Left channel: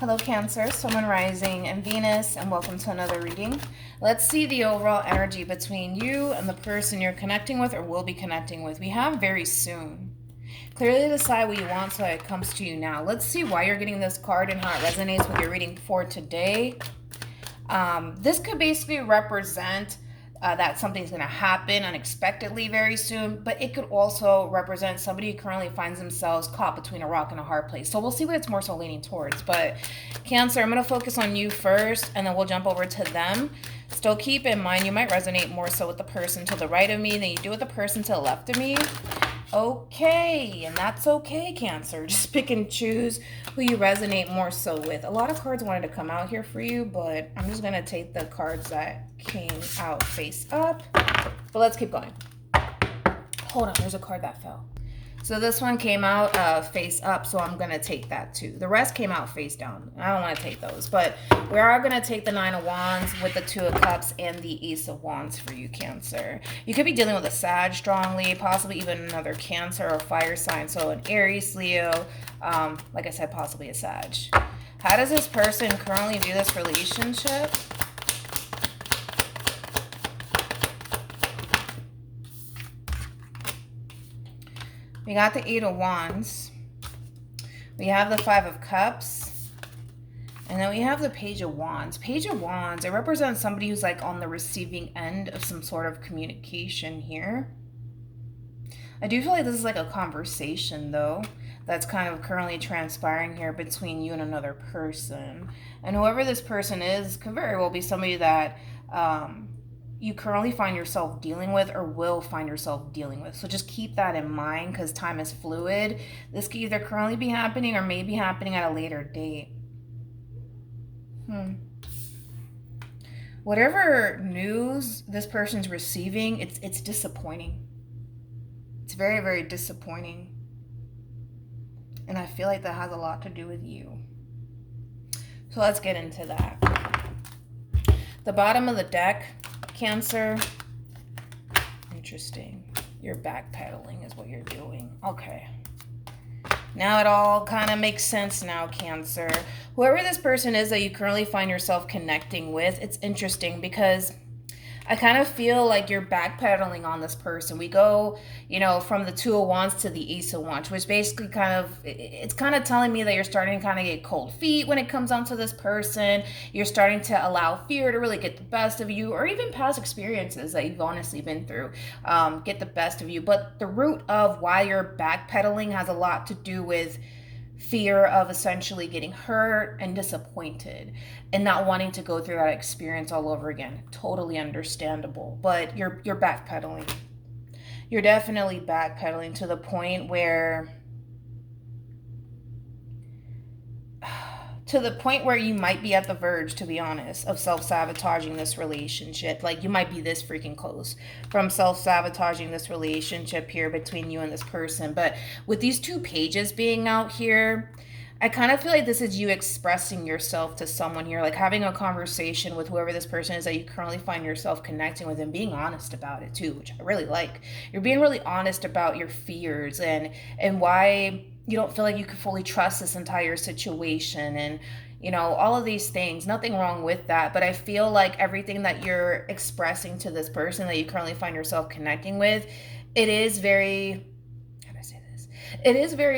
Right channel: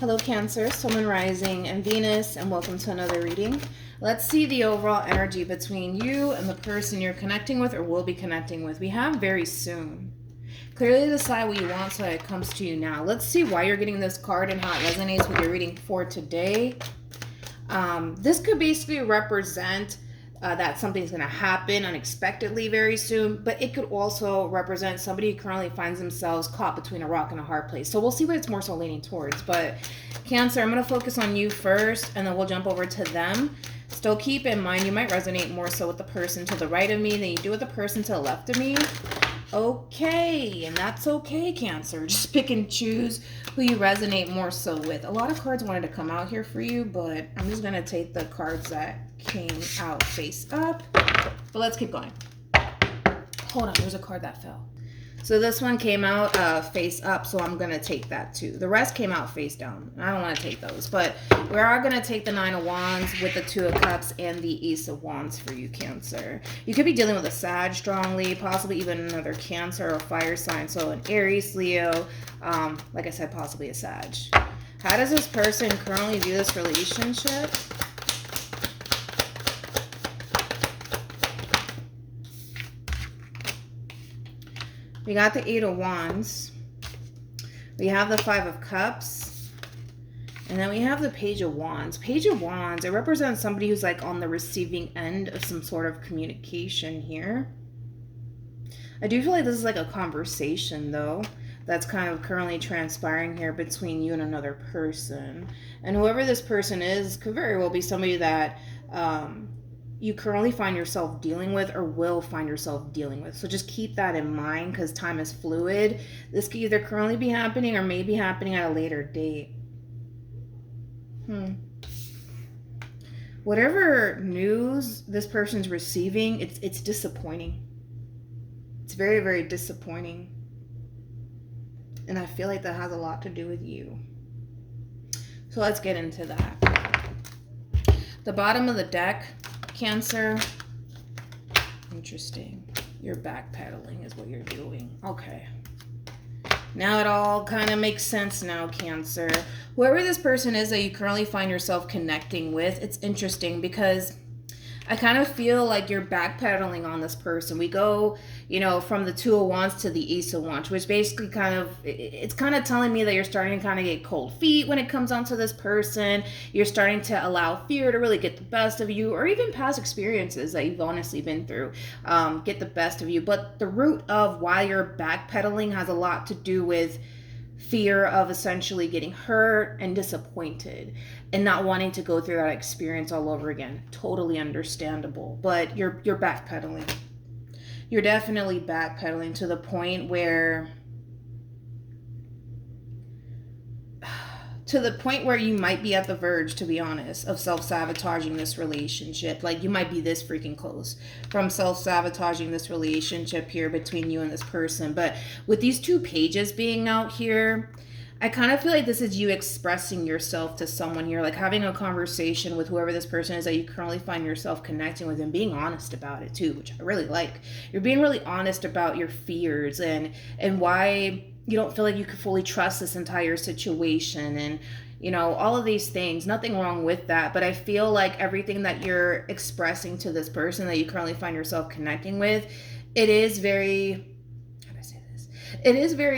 Hello Cancer, Sun, Moon, Rising, and Venus, and welcome to another reading. Let's see the overall energy between you and the person you're connecting with or will be connecting with. We have very soon. Clearly decide what you want so it comes to you now. Let's see why you're getting this card and how it resonates with your reading for today. This could basically represent that something's going to happen unexpectedly very soon, but it could also represent somebody who currently finds themselves caught between a rock and a hard place. So we'll see what it's more so leaning towards. But Cancer, I'm going to focus on you first, and then we'll jump over to them. Still keep in mind you might resonate more so with the person to the right of me than you do with the person to the left of me. Okay, and that's okay, Cancer. Just pick and choose who you resonate more so with. A lot of cards wanted to come out here for you, but I'm just going to take the cards that came out face up. But let's keep going. Hold on, there's a card that fell. So this one came out face up, so I'm going to take that too. The rest came out face down. I don't want to take those, but we are going to take the Nine of Wands with the Two of Cups and the Ace of Wands for you, Cancer. You could be dealing with a Sag strongly, possibly even another Cancer or fire sign. So an Aries, Leo, like I said, possibly a Sag. How does this person currently view this relationship? We got the Eight of Wands. We have the Five of Cups. And then we have the Page of Wands. Page of Wands, it represents somebody who's like on the receiving end of some sort of communication here. I do feel like this is like a conversation though, that's kind of currently transpiring here between you and another person. And whoever this person is could very well be somebody that you currently find yourself dealing with or will find yourself dealing with. So just keep that in mind because time is fluid. This could either currently be happening or may be happening at a later date. Whatever news this person's receiving, it's disappointing. It's very, very disappointing. And I feel like that has a lot to do with you. So let's get into that. The bottom of the deck, Cancer. Interesting. You're backpedaling is what you're doing. Okay. Now it all kind of makes sense now, Cancer. Whoever this person is that you currently find yourself connecting with, it's interesting because I kind of feel like you're backpedaling on this person. We go, you know, from the Two of Wands to the Ace of Wands, which basically it's kind of telling me that you're starting to kind of get cold feet when it comes down to this person. You're starting to allow fear to really get the best of you, or even past experiences that you've honestly been through get the best of you. But the root of why you're backpedaling has a lot to do with fear of essentially getting hurt and disappointed and not wanting to go through that experience all over again. Totally understandable, but you're backpedaling. You're definitely backpedaling to the point where you might be at the verge, to be honest, of self-sabotaging this relationship. Like you might be this freaking close from self-sabotaging this relationship here between you and this person. But with these two pages being out here, I kind of feel like this is you expressing yourself to someone here, like having a conversation with whoever this person is that you currently find yourself connecting with and being honest about it too, which I really like. You're being really honest about your fears and why you don't feel like you can fully trust this entire situation and, you know, all of these things. Nothing wrong with that, but I feel like everything that you're expressing to this person that you currently find yourself connecting with, it is very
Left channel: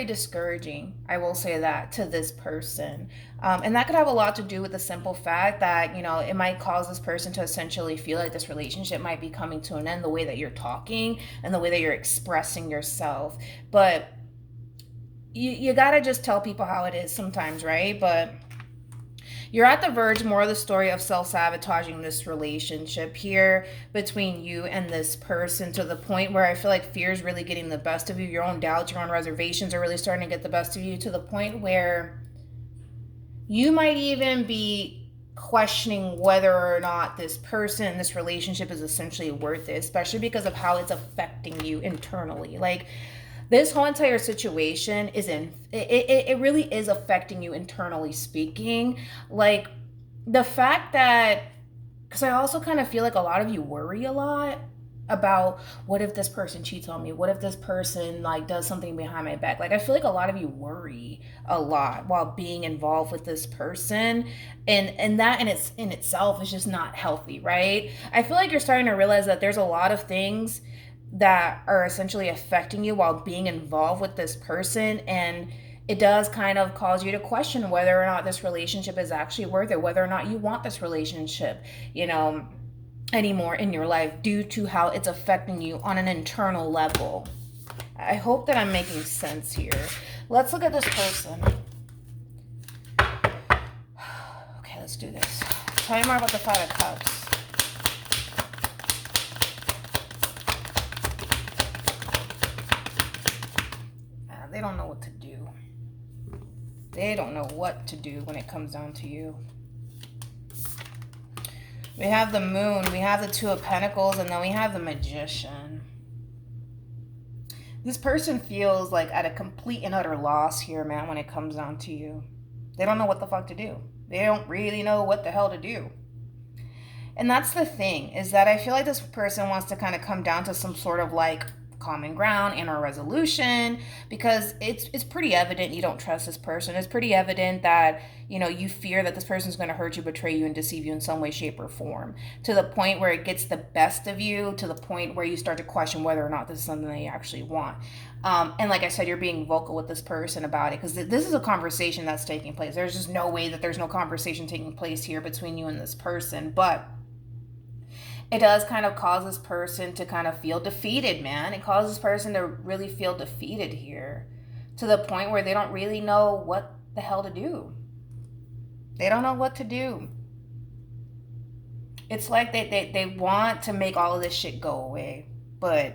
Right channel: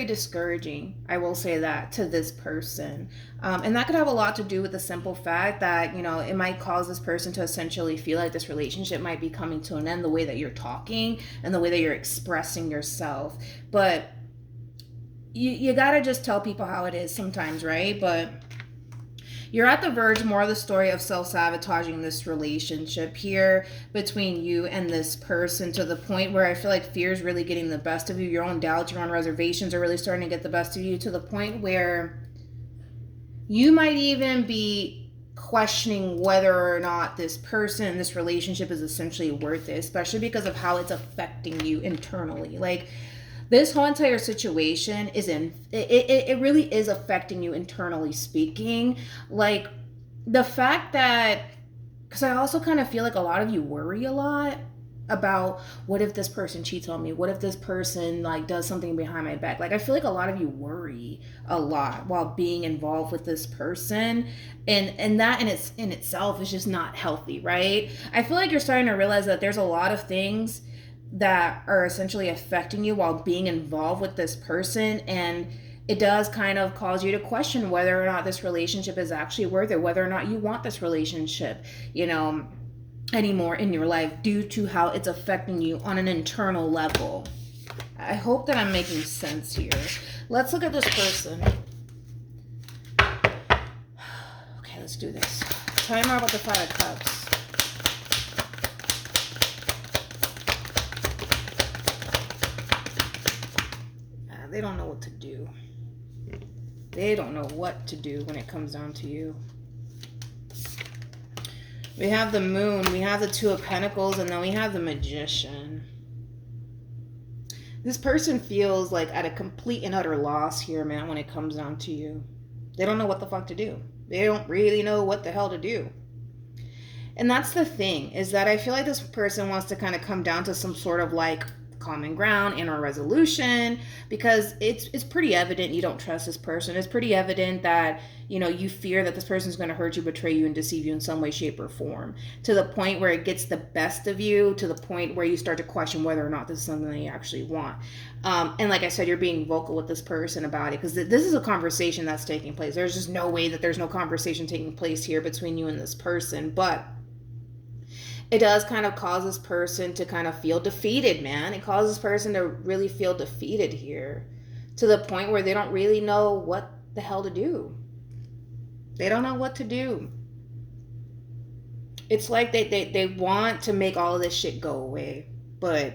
discouraging, I will say that, to this person. And that could have a lot to do with the simple fact that, you know, it might cause this person to essentially feel like this relationship might be coming to an end, the way that you're talking and the way that you're expressing yourself. But you gotta just tell people how it is sometimes, right? But you're at the verge more of the story of self-sabotaging this relationship here between you and this person, to the point where I feel like fear is really getting the best of you. Your own doubts, your own reservations are really starting to get the best of you, to the point where you might even be questioning whether or not this person, this relationship is essentially worth it, especially because of how it's affecting you internally. Like, this whole entire situation it really is affecting you internally speaking. Like the fact that, because I also kind of feel like a lot of you worry a lot. about what if this person cheats on me? What if this person like does something behind my back? Like I feel like a lot of you worry a lot while being involved with this person, and that in itself is just not healthy, right? I feel like you're starting to realize that there's a lot of things that are essentially affecting you while being involved with this person, and it does kind of cause you to question whether or not this relationship is actually worth it, whether or not you want this relationship, you know, anymore in your life due to how it's affecting you on an internal level. I hope that I'm making sense here. Let's look at this person. Okay, let's do this. Tell me more about the Five of Cups. They don't know what to do. They don't know what to do when it comes down to you. We have the Moon, we have the Two of Pentacles, and then we have the Magician. This person feels like at a complete and utter loss here, man, when it comes down to you. They don't know what the fuck to do. They don't really know what the hell to do. And that's the thing, is that I feel like this person wants to kind of come down to some sort of like common ground and or resolution, because it's pretty evident you don't trust this person. It's pretty evident that, you know, you fear that this person's going to hurt you, betray you, and deceive you in some way, shape, or form, to the point where it gets the best of you, to the point where you start to question whether or not this is something that you actually want. And like I said, you're being vocal with this person about it, because this is a conversation that's taking place. There's just no way that there's no conversation taking place here between you and this person, but it does kind of cause this person to kind of feel defeated, man. It causes this person to really feel defeated here, to the point where they don't really know what the hell to do. They don't know what to do. It's like they want to make all of this shit go away. But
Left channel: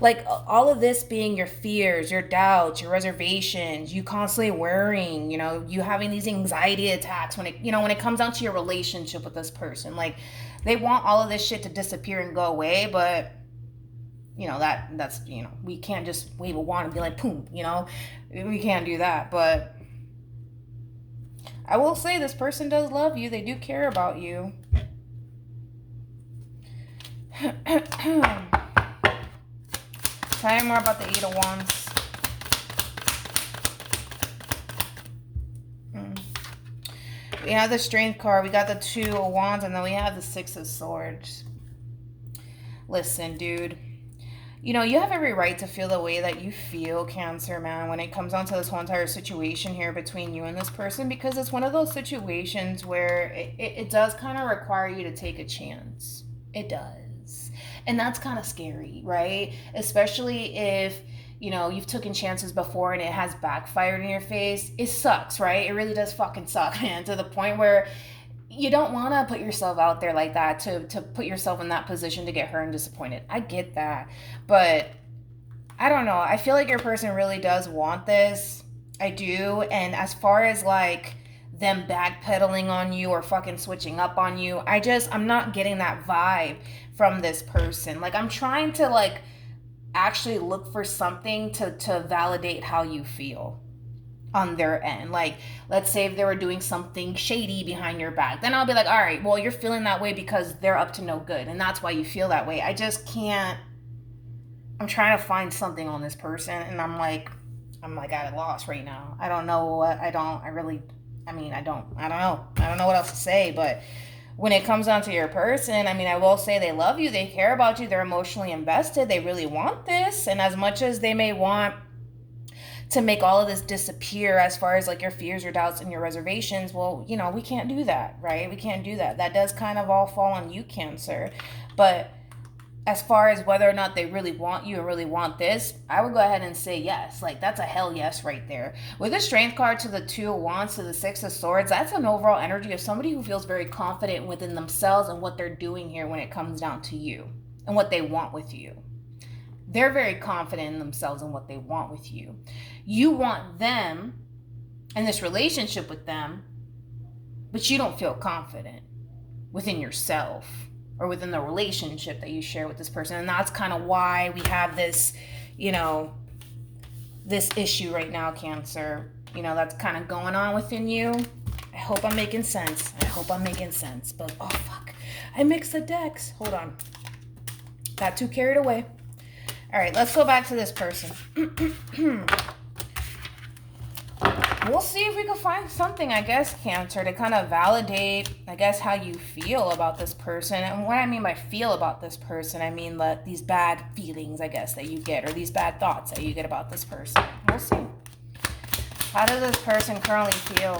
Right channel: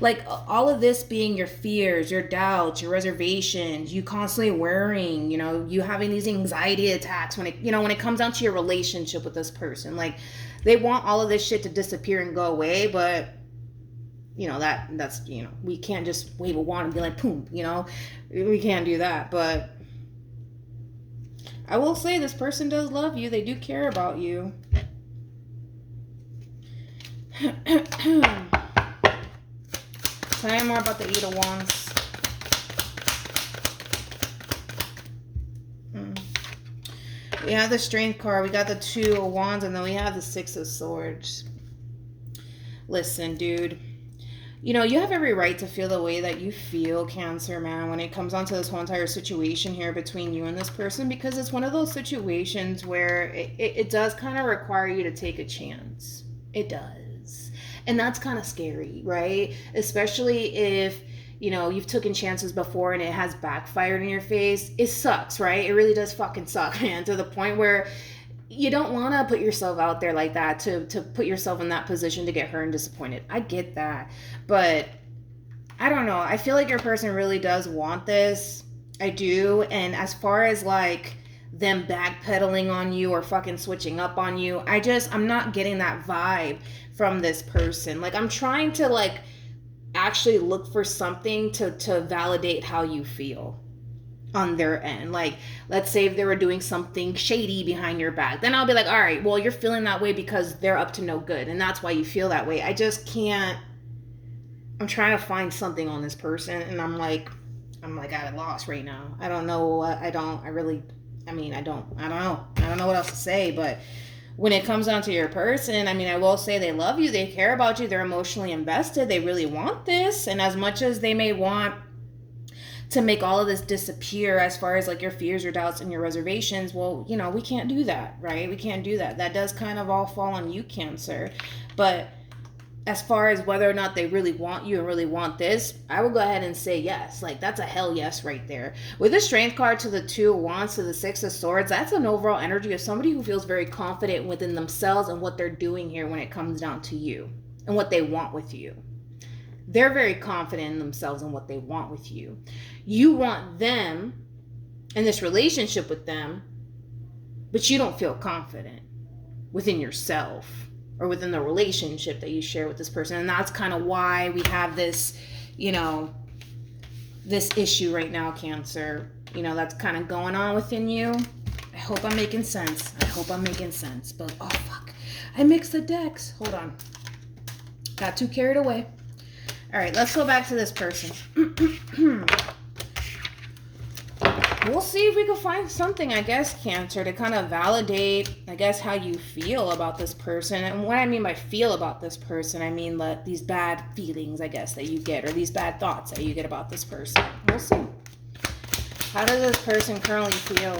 like all of this being your fears, your doubts, your reservations, you constantly worrying, you know, you having these anxiety attacks when it comes down to your relationship with this person. Like they want all of this shit to disappear and go away, but you know, that's, you know, we can't just wave a wand and be like, boom, you know, we can't do that. But I will say this person does love you. They do care about you. Tell me more about the Eight of Wands. We have the Strength card. We got the Two of Wands. And then we have the Six of Swords. Listen, dude. You know, you have every right to feel the way that you feel, Cancer, man, when it comes down to this whole entire situation here between you and this person. Because it's one of those situations where it does kind of require you to take a chance. It does. And that's kind of scary, right? Especially if, you know, you've taken chances before and it has backfired in your face. It sucks, right? It really does fucking suck, man, to the point where you don't want to put yourself out there like that, to put yourself in that position to get hurt and disappointed. I get that. But I don't know. I feel like your person really does want this. I do. And as far as like them backpedaling on you or fucking switching up on you, I'm not getting that vibe from this person. Like I'm trying to like actually look for something to validate how you feel on their end. Like, let's say if they were doing something shady behind your back, then I'll be like, all right, well, you're feeling that way because they're up to no good, and that's why you feel that way. I just can't. I'm trying to find something on this person, and I'm like at a loss right now. I don't know what. I don't know. I don't know what else to say. But when it comes down to your person, I mean, I will say they love you, they care about you, they're emotionally invested, they really want this, and as much as they may want to make all of this disappear as far as like your fears, your doubts, and your reservations, well, you know, we can't do that, right? We can't do that. That does kind of all fall on you, Cancer. But as far as whether or not they really want you and really want this, I would go ahead and say yes. Like, that's a hell yes right there. With the Strength card to the Two of Wands to the Six of Swords, that's an overall energy of somebody who feels very confident within themselves and what they're doing here when it comes down to you and what they want with you. They're very confident in themselves and what they want with you. You want them in this relationship with them, but you don't feel confident within yourself or within the relationship that you share with this person. And that's kind of why we have this, you know, this issue right now, Cancer, you know, that's kind of going on within you. I hope I'm making sense. But, oh, fuck. I mixed the decks. Hold on. Got too carried away. All right, let's go back to this person. We'll see if we can find something, I guess, Cancer, to kind of validate, I guess, how you feel about this person. And what I mean by feel about this person, I mean these bad feelings, I guess, that you get, or these bad thoughts that you get about this person. We'll see. How does this person currently feel?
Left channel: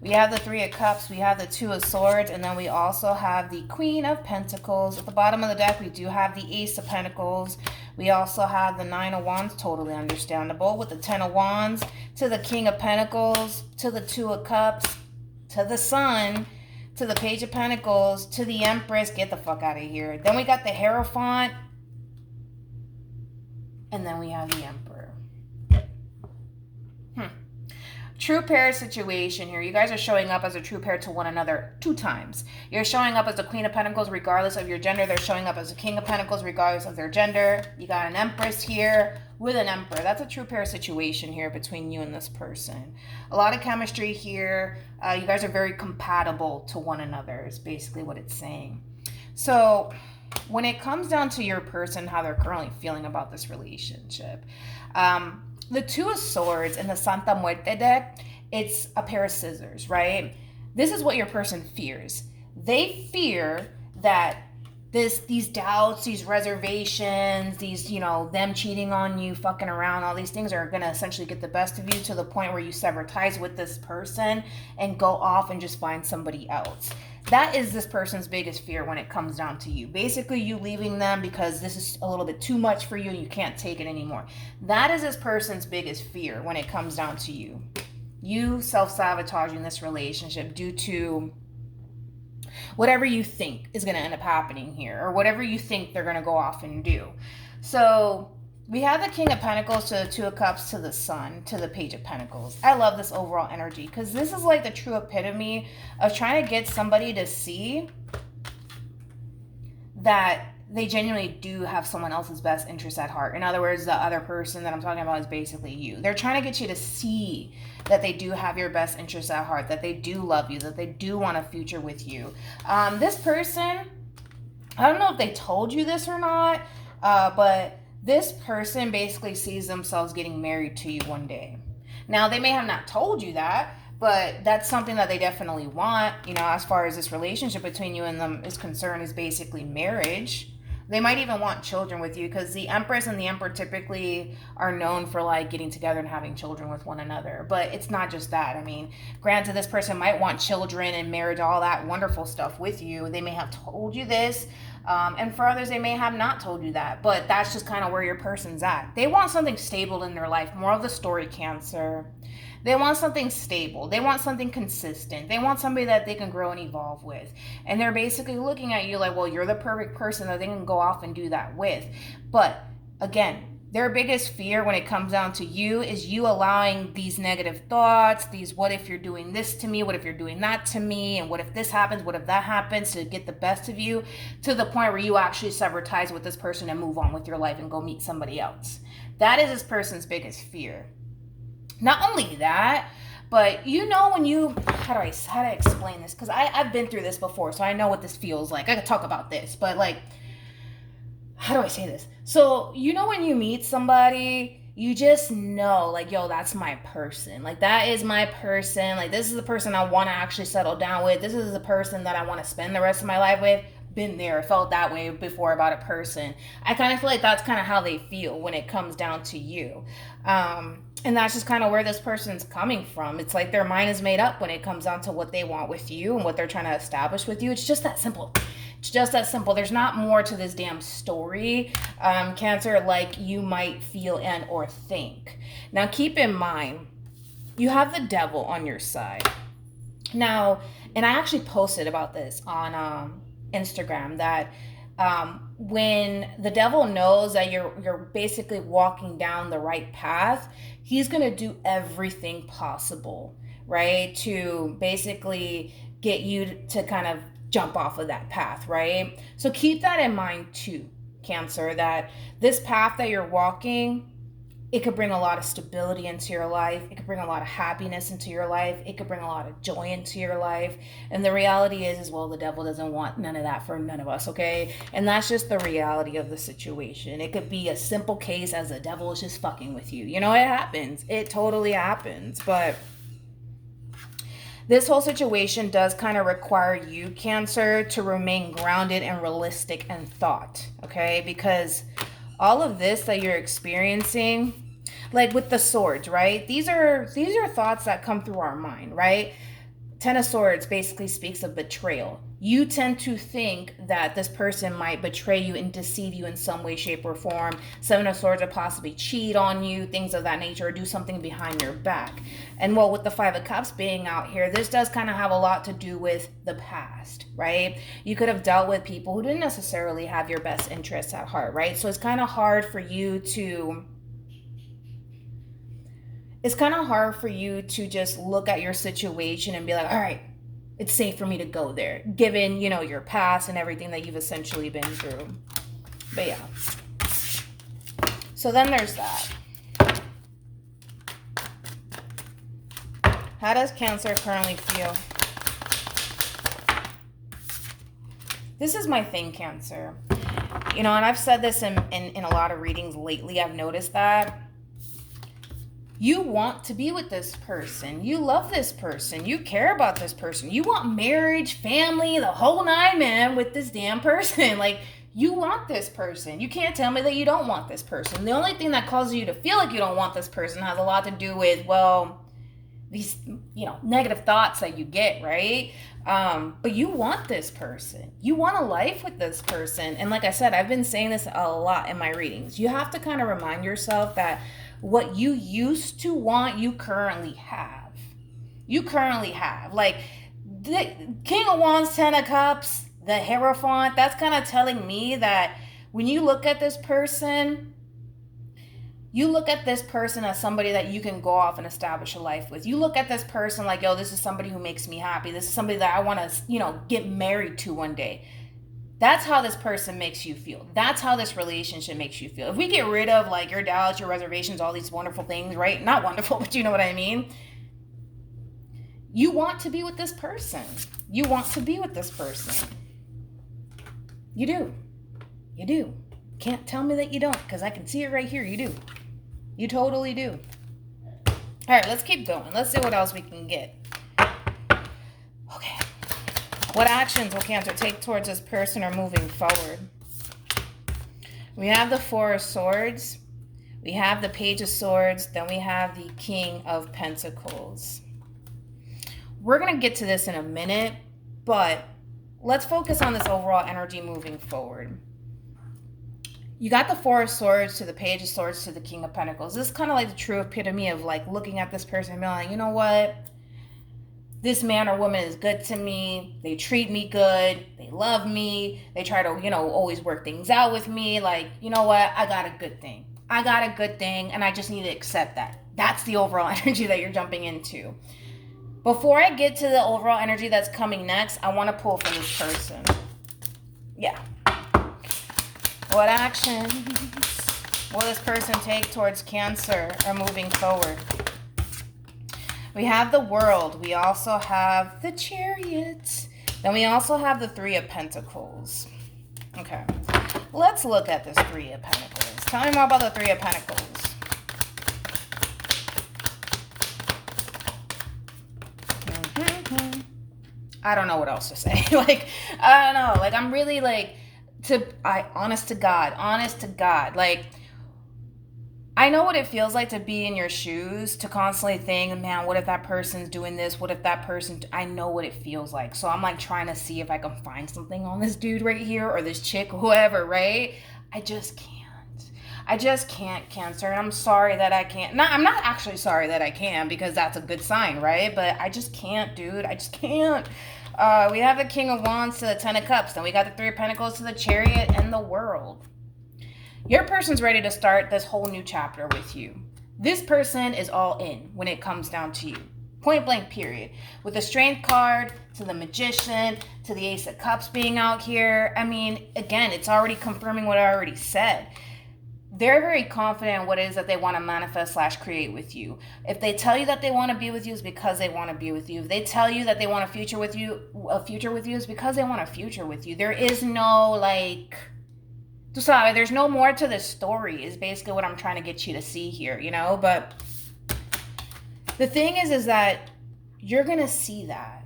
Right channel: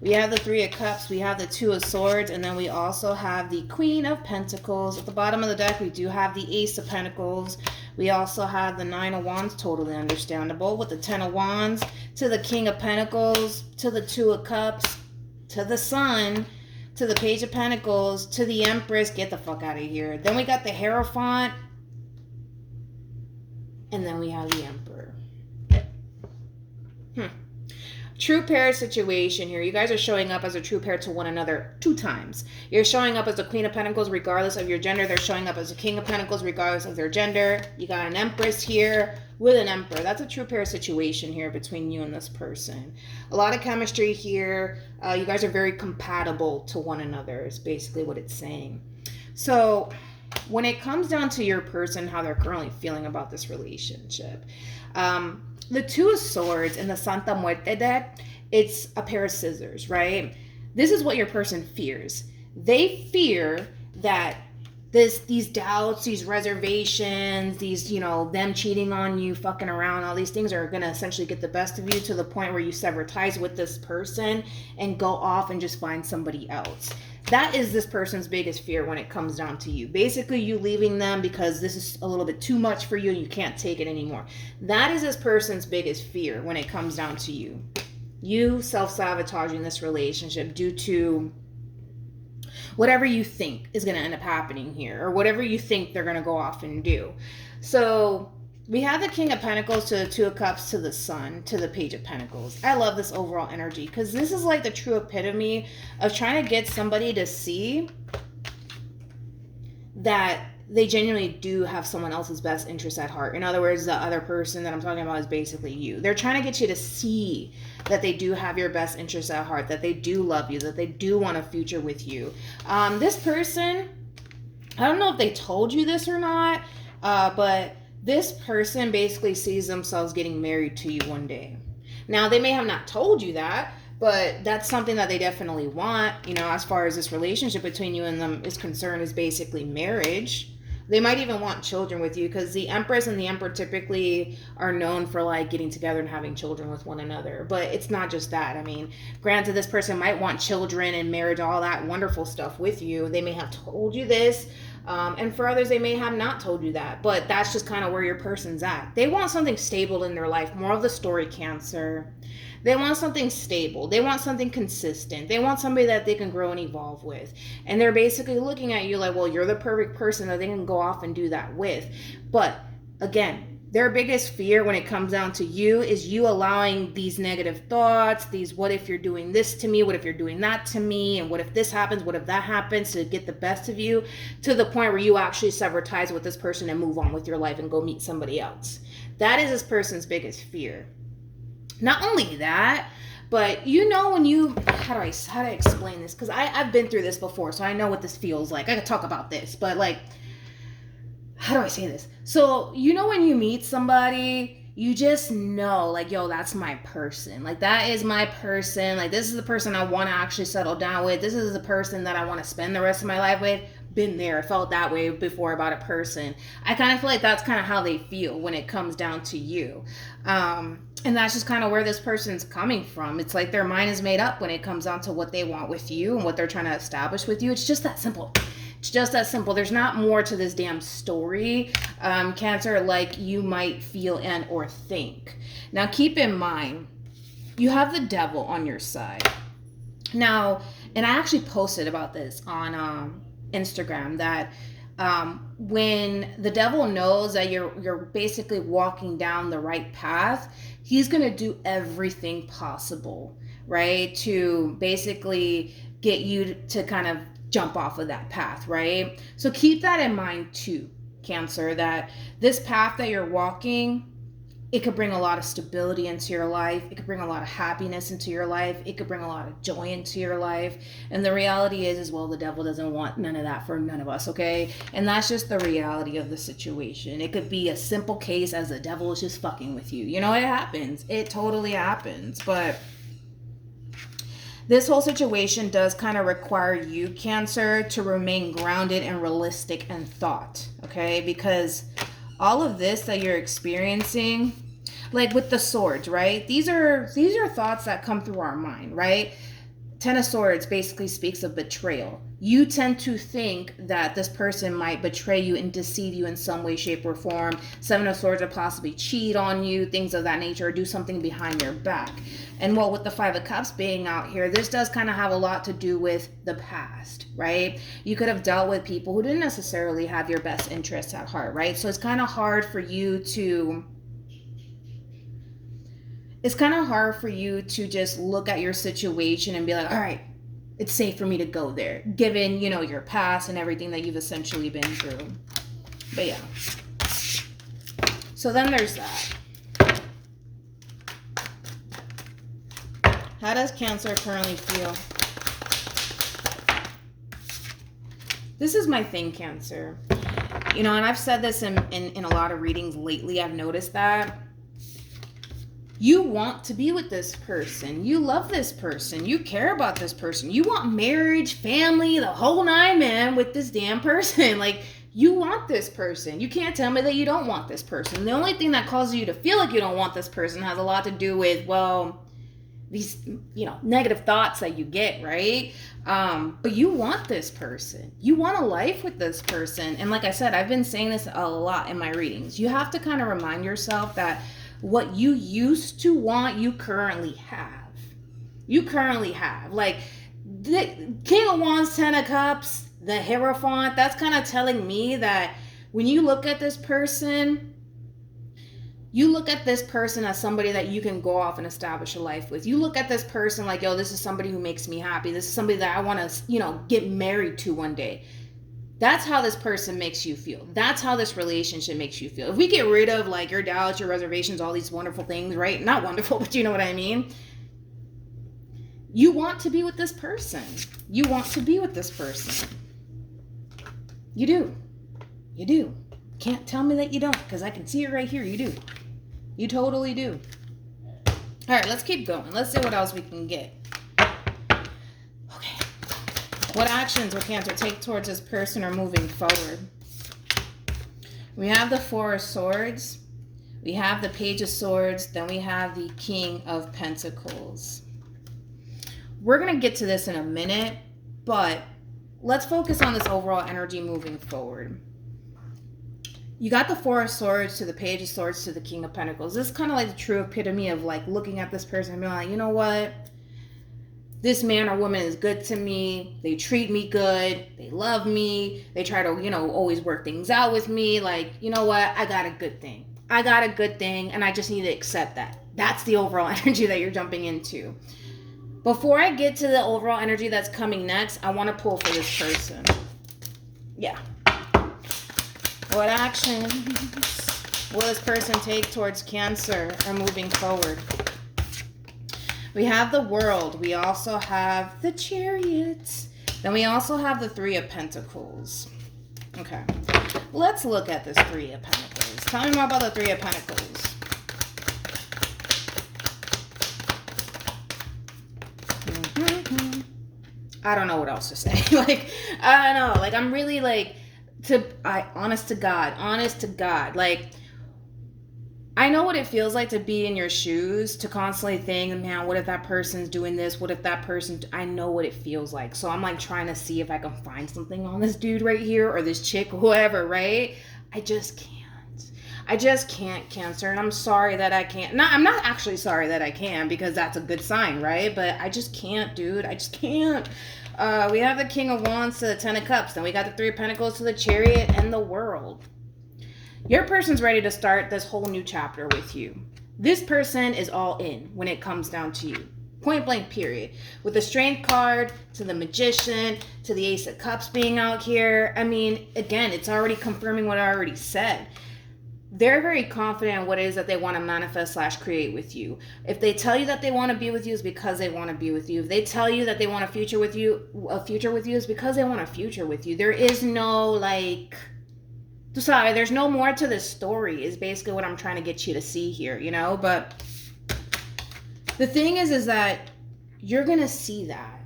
We have the Three of Cups, we have the Two of Swords, and then we also have the Queen of Pentacles. At the bottom of the deck, we do have the Ace of Pentacles. We also have the Nine of Wands, totally understandable, with the Ten of Wands, to the King of Pentacles, to the Two of Cups, to the Sun, to the Page of Pentacles, to the Empress. Get the fuck out of here. Then we got the Hierophant, and then we have the Emperor. True pair situation here. You guys are showing up as a true pair to one another 2 times. You're showing up as the Queen of Pentacles regardless of your gender. They're showing up as the King of Pentacles regardless of their gender. You got an Empress here with an Emperor. That's a true pair situation here between you and this person. A lot of chemistry here. You guys are very compatible to one another is basically what it's saying. So when it comes down to your person, how they're currently feeling about this relationship, the Two of Swords in the Santa Muerte deck, it's a pair of scissors, right? This is what your person fears. They fear that these doubts, these reservations, these, them cheating on you, fucking around, all these things are going to essentially get the best of you to the point where you sever ties with this person and go off and just find somebody else. That is this person's biggest fear when it comes down to you. Basically, you leaving them because this is a little bit too much for you. You can't take it anymore. That is this person's biggest fear when it comes down to you. You self-sabotaging this relationship due to whatever you think is going to end up happening here, or whatever you think they're going to go off and do. So we have the King of Pentacles to the Two of Cups to the Sun to the Page of Pentacles. I love this overall energy because this is like the true epitome of trying to get somebody to see that they genuinely do have someone else's best interest at heart. In other words, the other person that I'm talking about is basically you. They're trying to get you to see that they do have your best interest at heart, that they do love you, that they do want a future with you. This person, I don't know if they told you this or not, but this person basically sees themselves getting married to you one day. Now, they may have not told you that, but that's something that they definitely want, as far as this relationship between you and them is concerned, is basically marriage. They might even want children with you because the Empress and the Emperor typically are known for like getting together and having children with one another. But it's not just that. I mean, granted, this person might want children and marriage, all that wonderful stuff with you. They may have told you this. And for others, they may have not told you that. But that's just kind of where your person's at. They want something stable in their life. More of the story, Cancer. They want something stable. They want something consistent. They want somebody that they can grow and evolve with. And they're basically looking at you like, well, you're the perfect person that they can go off and do that with. But again, their biggest fear when it comes down to you is you allowing these negative thoughts, these what if you're doing this to me, what if you're doing that to me, and what if this happens, what if that happens, to get the best of you to the point where you actually sever ties with this person and move on with your life and go meet somebody else. That is this person's biggest fear. Not only that, but when you, how do I explain this? Because I've been through this before, so I know what this feels like. I could talk about this, but like, how do I say this? So, when you meet somebody, you just know, like, yo, that's my person. Like, that is my person. Like, this is the person I want to actually settle down with. This is the person that I want to spend the rest of my life with. Been there, felt that way before about a person. I kind of feel like that's kind of how they feel when it comes down to you. And that's just kind of where this person's coming from. It's like their mind is made up when it comes down to what they want with you and what they're trying to establish with you. It's just that simple. It's just that simple. There's not more to this damn story, Cancer, like you might feel and or think. Now, keep in mind, you have the Devil on your side. Now, and I actually posted about this on Instagram, that when the Devil knows that you're basically walking down the right path, he's going to do everything possible, right, to basically get you to kind of jump off of that path, right? So keep that in mind too, Cancer, that this path that you're walking, It could bring a lot of stability into your life. It could bring a lot of happiness into your life. It could bring a lot of joy into your life. And the reality is well, the devil doesn't want none of that for none of us, okay? And that's just the reality of the situation. It could be a simple case as the devil is just fucking with you. You know, it happens. It totally happens. But this whole situation does kind of require you, Cancer, to remain grounded and realistic in thought, okay? Because all of this that you're experiencing, like with the swords, right? These are thoughts that come through our mind, right? Ten of Swords basically speaks of betrayal. You tend to think that this person might betray you and deceive you in some way, shape, or form. Seven of Swords would possibly cheat on you, things of that nature, or do something behind your back. And well, with the Five of Cups being out here, this does kind of have a lot to do with the past, right? You could have dealt with people who didn't necessarily have your best interests at heart, right? So it's kind of hard for you to just look at your situation and be like, all right, it's safe for me to go there, given, you know, your past and everything that you've essentially been through. But yeah. So then there's that. How does Cancer currently feel? This is my thing, Cancer. You know, and I've said this in a lot of readings lately. I've noticed that you want to be with this person. You love this person. You care about this person. You want marriage, family, the whole nine, man, with this damn person. Like, you want this person. You can't tell me that you don't want this person. The only thing that causes you to feel like you don't want this person has a lot to do with, well, these, you know, negative thoughts that you get, right? But you want this person. You want a life with this person. And like I said, I've been saying this a lot in my readings. You have to kind of remind yourself that what you used to want, you currently have. You currently have. Like, the King of Wands, Ten of Cups, the Hierophant, that's kind of telling me that when you look at this person, you look at this person as somebody that you can go off and establish a life with. You look at this person like, yo, this is somebody who makes me happy. This is somebody that I want to, you know, get married to one day. That's how this person makes you feel. That's how this relationship makes you feel. If we get rid of like your doubts, your reservations, all these wonderful things, right? Not wonderful, but you know what I mean? You want to be with this person. You want to be with this person. You do. You do. Can't tell me that you don't, because I can see it right here. You do. You totally do. All right, let's keep going. Let's see what else we can get. Okay. What actions will Cancer take towards this person or moving forward? We have the Four of Swords. We have the Page of Swords. Then we have the King of Pentacles. We're going to get to this in a minute, but let's focus on this overall energy moving forward. You got the Four of Swords to the Page of Swords to the King of Pentacles. This is kind of like the true epitome of like looking at this person and being like, you know what? This man or woman is good to me. They treat me good. They love me. They try to, you know, always work things out with me. Like, you know what? I got a good thing. I got a good thing, and I just need to accept that. That's the overall energy that you're jumping into. Before I get to the overall energy that's coming next, I want to pull for this person. Yeah. What actions will this person take towards Cancer or moving forward? We have the World. We also have the Chariot. Then we also have the Three of Pentacles. Okay. Let's look at this Three of Pentacles. Tell me more about the Three of Pentacles. I don't know what else to say. Like, I don't know. Like, I'm really like, honest to God, like, I know what it feels like to be in your shoes, to constantly think, man, what if that person's doing this? What if that person, I know what it feels like. So I'm like trying to see if I can find something on this dude right here or this chick, whoever, right? I just can't, Cancer. And I'm sorry that I can't. No, I'm not actually sorry that I can, because that's a good sign, right? But I just can't, dude. I just can't. We have the King of Wands to the Ten of Cups. Then we got the Three of Pentacles to the Chariot and the World. Your person's ready to start this whole new chapter with you. This person is all in when it comes down to you. Point blank, period. With the Strength card, to the Magician, to the Ace of Cups being out here. I mean, again, it's already confirming what I already said. they're very confident in what it is that they want to manifest / create with you. If they tell you that they want to be with you, it's because they want to be with you. If they tell you that they want a future with you, is because they want a future with you. There is no like, sorry, there's no more to this story is basically what I'm trying to get you to see here, you know? But the thing is that you're going to see that.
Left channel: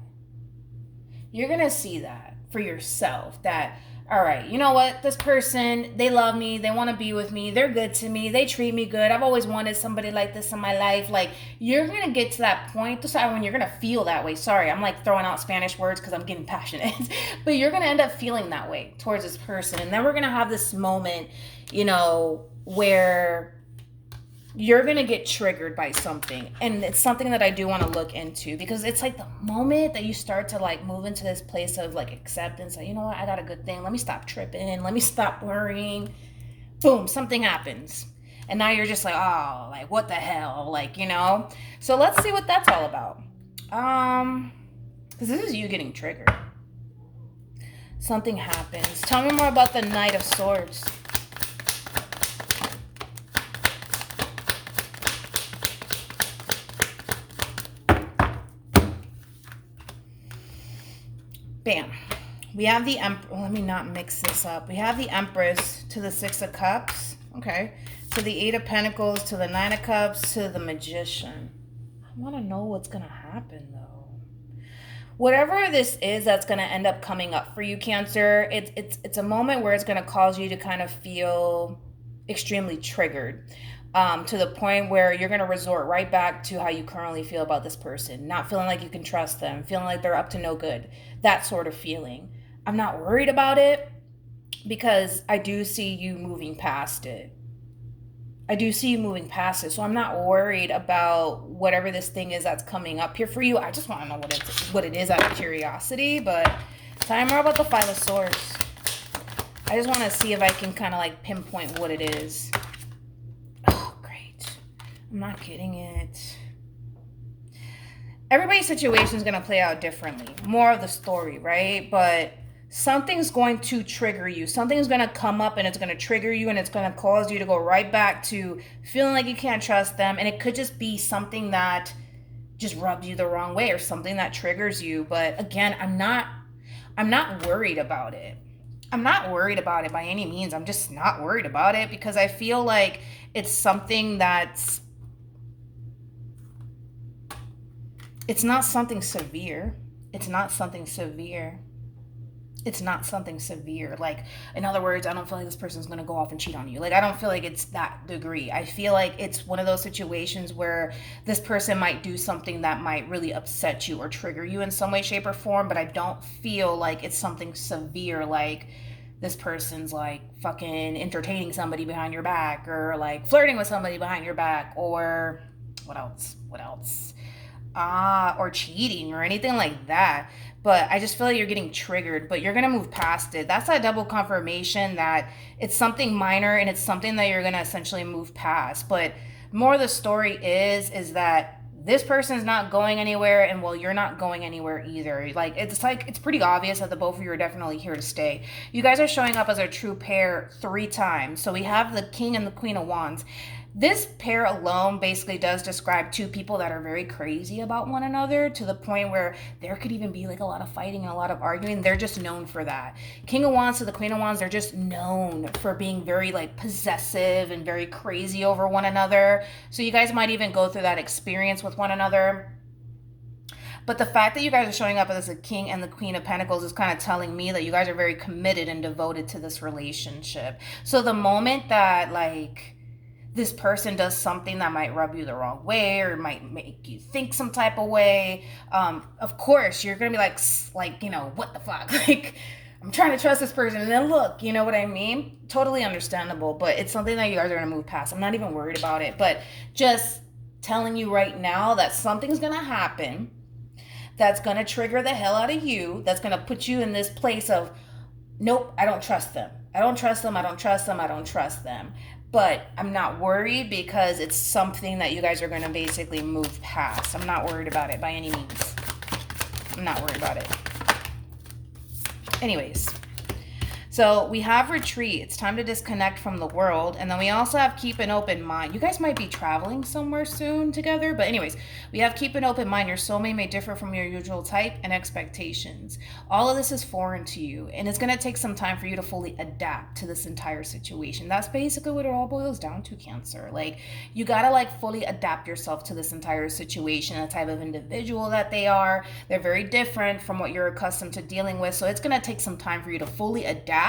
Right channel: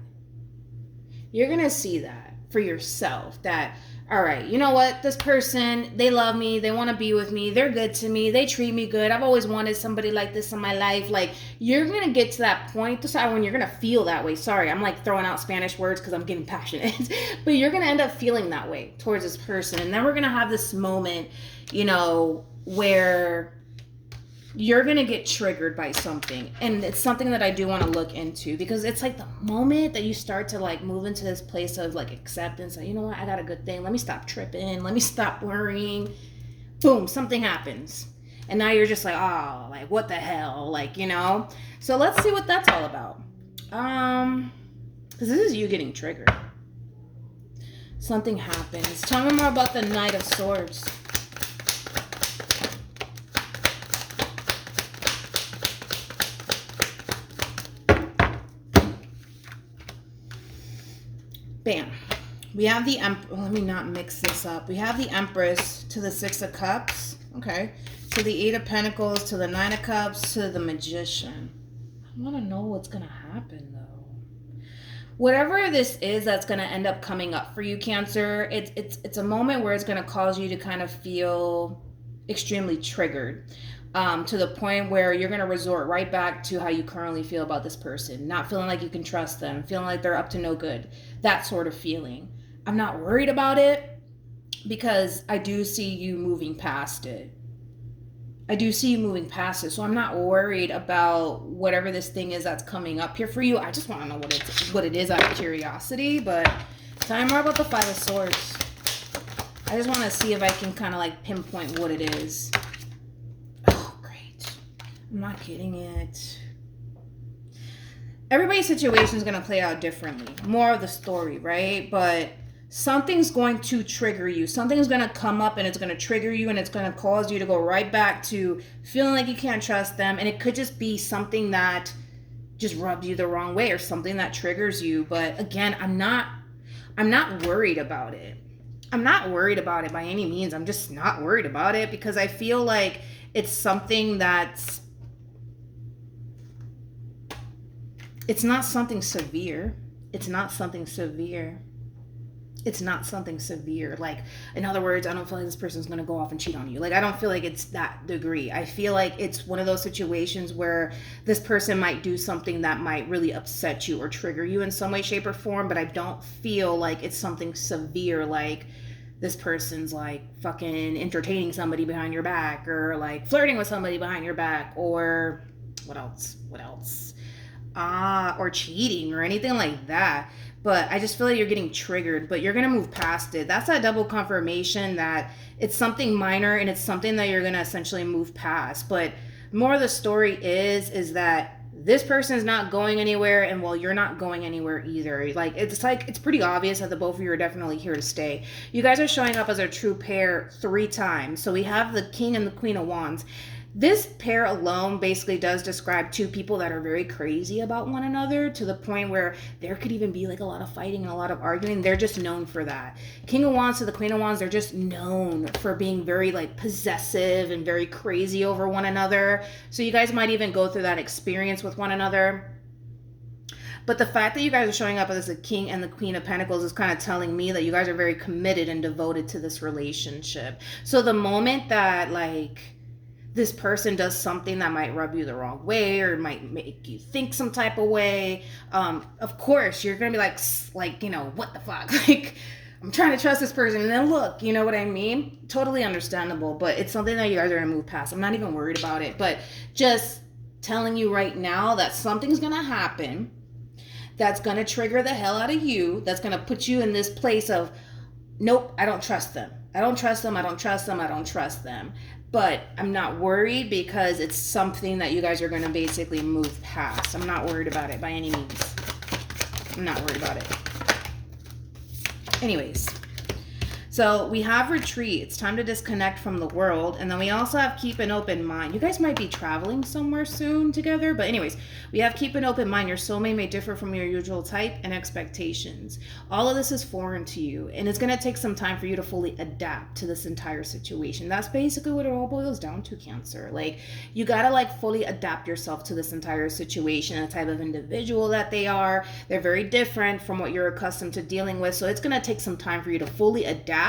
You're going to see that for yourself, that, all right, you know what? This person, they love me. They want to be with me. They're good to me. They treat me good. I've always wanted somebody like this in my life. Like, you're going to get to that point, when you're going to feel that way. Sorry, I'm like throwing out Spanish words because I'm getting passionate. But you're going to end up feeling that way towards this person. And then we're going to have this moment, you know, where you're going to get triggered by something. And it's something that I do want to look into, because it's like the moment that you start to like move into this place of like acceptance, like, you know what, I got a good thing. Let me stop tripping. Let me stop worrying. Boom, something happens. And now you're just like, oh, like what the hell? Like, you know? So let's see what that's all about. Because this is you getting triggered. Something happens. Tell me more about the Knight of Swords. Bam. We have the let me not mix this up. We have the Empress to the Six of Cups. Okay. To the Eight of Pentacles, to the Nine of Cups, to the Magician. I want to know what's going to happen, though. Whatever this is that's going to end up coming up for you, Cancer, it's a moment where it's going to cause you to kind of feel extremely triggered. To the point where you're going to resort right back to how you currently feel about this person. Not feeling like you can trust them. Feeling like they're up to no good. That sort of feeling. I'm not worried about it because I do see you moving past it. So I'm not worried about whatever this thing is that's coming up here for you. I just want to know what it is out of curiosity. But tell me more about the Five of Swords. I just want to see if I can kind of like pinpoint what it is. I'm not getting it. Everybody's situation is going to play out differently. More of the story, right? But something's going to trigger you. Something's going to come up and it's going to trigger you, and it's going to cause you to go right back to feeling like you can't trust them. And it could just be something that just rubs you the wrong way or something that triggers you. But again, I'm not worried about it. I'm not worried about it by any means. I'm just not worried about it because I feel like it's something that's, it's not something severe. It's not something severe. Like, in other words, I don't feel like this person's going to go off and cheat on you. Like, I don't feel like it's that degree. I feel like it's one of those situations where this person might do something that might really upset you or trigger you in some way, shape, or form, but I don't feel like it's something severe, like this person's like fucking entertaining somebody behind your back, or like flirting with somebody behind your back, or what else? Or cheating or anything like that. But I just feel like you're getting triggered, but you're going to move past it. That's that double confirmation that it's something minor and it's something that you're going to essentially move past. But more of the story is that this person is not going anywhere, and well, you're not going anywhere either. Like, it's pretty obvious that the both of you are definitely here to stay. You guys are showing up as a true pair 3 times. So we have the King and the Queen of Wands. This pair alone basically does describe 2 people that are very crazy about one another, to the point where there could even be like a lot of fighting and a lot of arguing. They're just known for that. King of Wands to the Queen of Wands, they're just known for being very like possessive and very crazy over one another. So you guys might even go through that experience with one another. But the fact that you guys are showing up as the King and the Queen of Pentacles is kind of telling me that you guys are very committed and devoted to this relationship. So the moment that like this person does something that might rub you the wrong way or might make you think some type of way, of course you're gonna be like, you know, what the fuck? Like, I'm trying to trust this person, and then look, you know what I mean? Totally understandable, but it's something that you guys are gonna move past. I'm not even worried about it, but just telling you right now that something's gonna happen that's gonna trigger the hell out of you, that's gonna put you in this place of, nope, I don't trust them. But I'm not worried because it's something that you guys are going to basically move past. I'm not worried about it by any means. I'm not worried about it. Anyways, So we have retreat. It's time to disconnect from the world. And then we also have keep an open mind. You guys might be traveling somewhere soon together. But anyways, we have keep an open mind. Your soulmate may differ from your usual type and expectations. All of this is foreign to you. And it's going to take some time for you to fully adapt to this entire situation. That's basically what it all boils down to, Cancer. Like, you got to like fully adapt yourself to this entire situation, the type of individual that they are. They're very different from what you're accustomed to dealing with. So it's going to take some time for you to fully adapt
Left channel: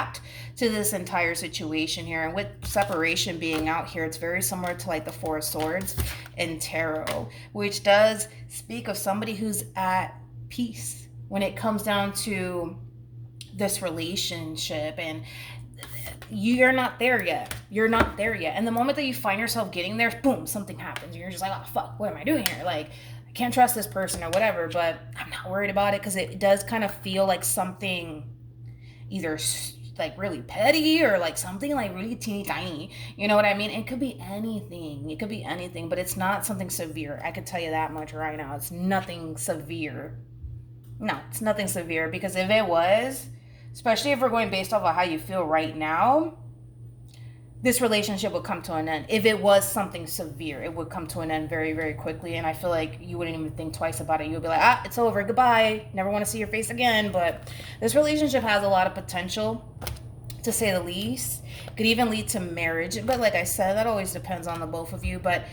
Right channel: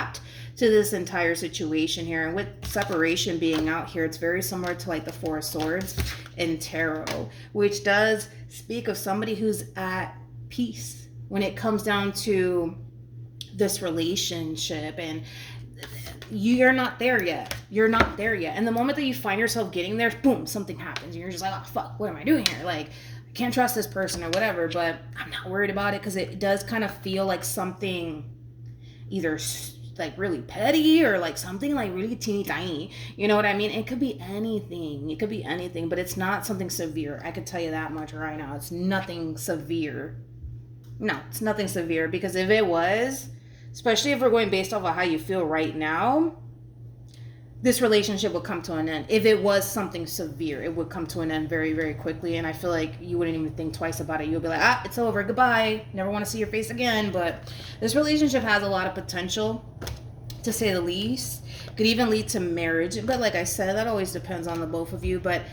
to this entire situation here. And with separation being out here, it's very similar to like the Four of Swords in tarot, which does speak of somebody who's at peace when it comes down to this relationship. And you're not there yet. You're not there yet. And the moment that you find yourself getting there, boom, something happens. You're just like, oh fuck, what am I doing here? Like, I can't trust this person or whatever. But I'm not worried about it, because it does kind of feel like something either like really petty or like something like really teeny tiny. You know what I mean? It could be anything. It could be anything, but it's not something severe. I can tell you that much right now. It's nothing severe. No, it's nothing severe, because if it was, especially if we're going based off of how you feel right now, this relationship would come to an end. If it was something severe, it would come to an end very, very quickly. And I feel like you wouldn't even think twice about it. You would be like, it's over, goodbye, never want to see your face again. But this relationship has a lot of potential, to say the least. Could even lead to marriage. But like I said, that always depends on the both of you. But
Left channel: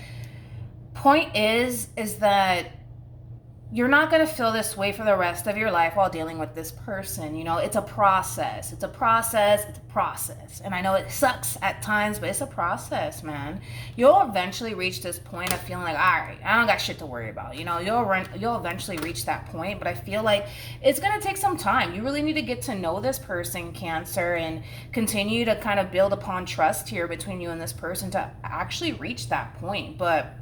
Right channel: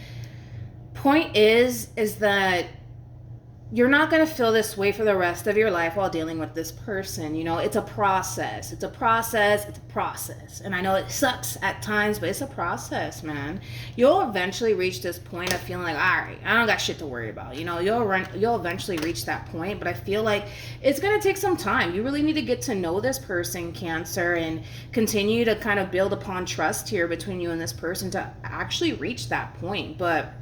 point is that you're not going to feel this way for the rest of your life while dealing with this person. You know, it's a process. It's a process. It's a process. And I know it sucks at times, but it's a process, man. You'll eventually reach this point of feeling like, all right, I don't got shit to worry about. You know, you'll eventually reach that point, but I feel like it's going to take some time. You really need to get to know this person, Cancer, and continue to kind of build upon trust here between you and this person to actually reach that point. But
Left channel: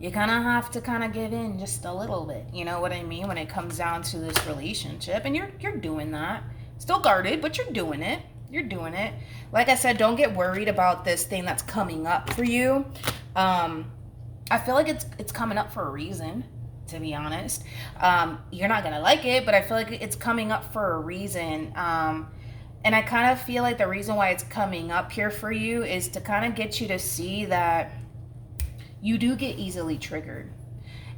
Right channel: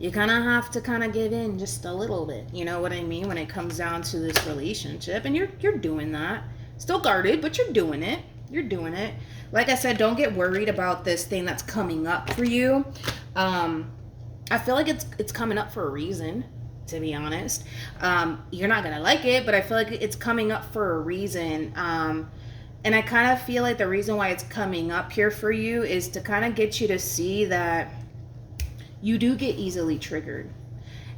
you kind of have to kind of give in just a little bit, you know what I mean, when it comes down to this relationship. And you're doing that. Still guarded, but you're doing it. You're doing it. Like I said, don't get worried about this thing that's coming up for you. I feel like it's coming up for a reason, to be honest. You're not gonna like it, but I feel like it's coming up for a reason. And I kind of feel like the reason why it's coming up here for you is to kind of get you to see that you do get easily triggered.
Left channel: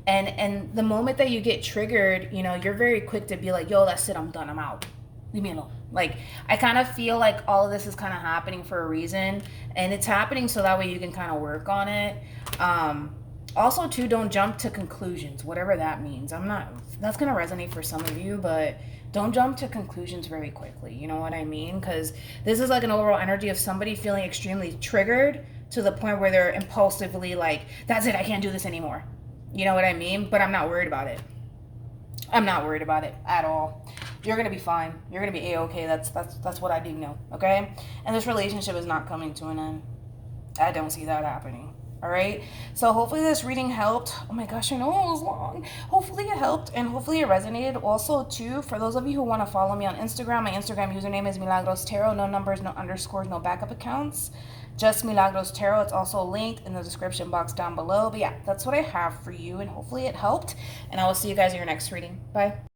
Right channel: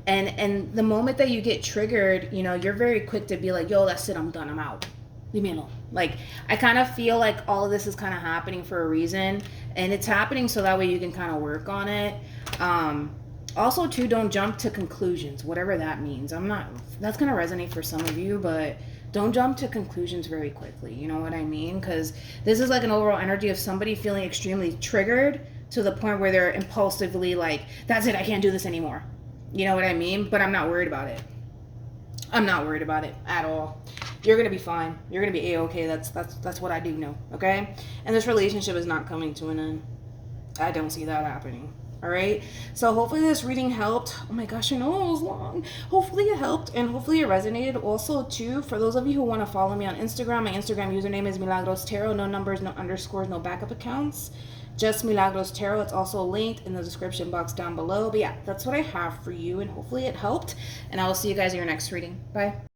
And the moment that you get triggered, you know, you're very quick to be like, yo, that's it, I'm done, I'm out. Leave me alone. Like, I kind of feel like all of this is kind of happening for a reason. And it's happening so that way you can kind of work on it. Also, too, don't jump to conclusions, whatever that means. That's going to resonate for some of you, but don't jump to conclusions very quickly. You know what I mean? Because this is like an overall energy of somebody feeling extremely triggered to the point where they're impulsively like, that's it, I can't do this anymore. You know what I mean? But I'm not worried about it. I'm not worried about it at all. You're going to be fine. You're going to be A-okay. That's what I do know, okay? And this relationship is not coming to an end. I don't see that happening. All right, so hopefully this reading helped. Oh my gosh, I know it was long. Hopefully it helped, and hopefully it resonated. Also, too, for those of you who want to follow me on Instagram, my Instagram username is MilagrosTarot. No numbers, no underscores, no backup accounts. Just MilagrosTarot. It's also linked in the description box down below. But yeah, that's what I have for you, and hopefully it helped. And I will see you guys in your next reading. Bye.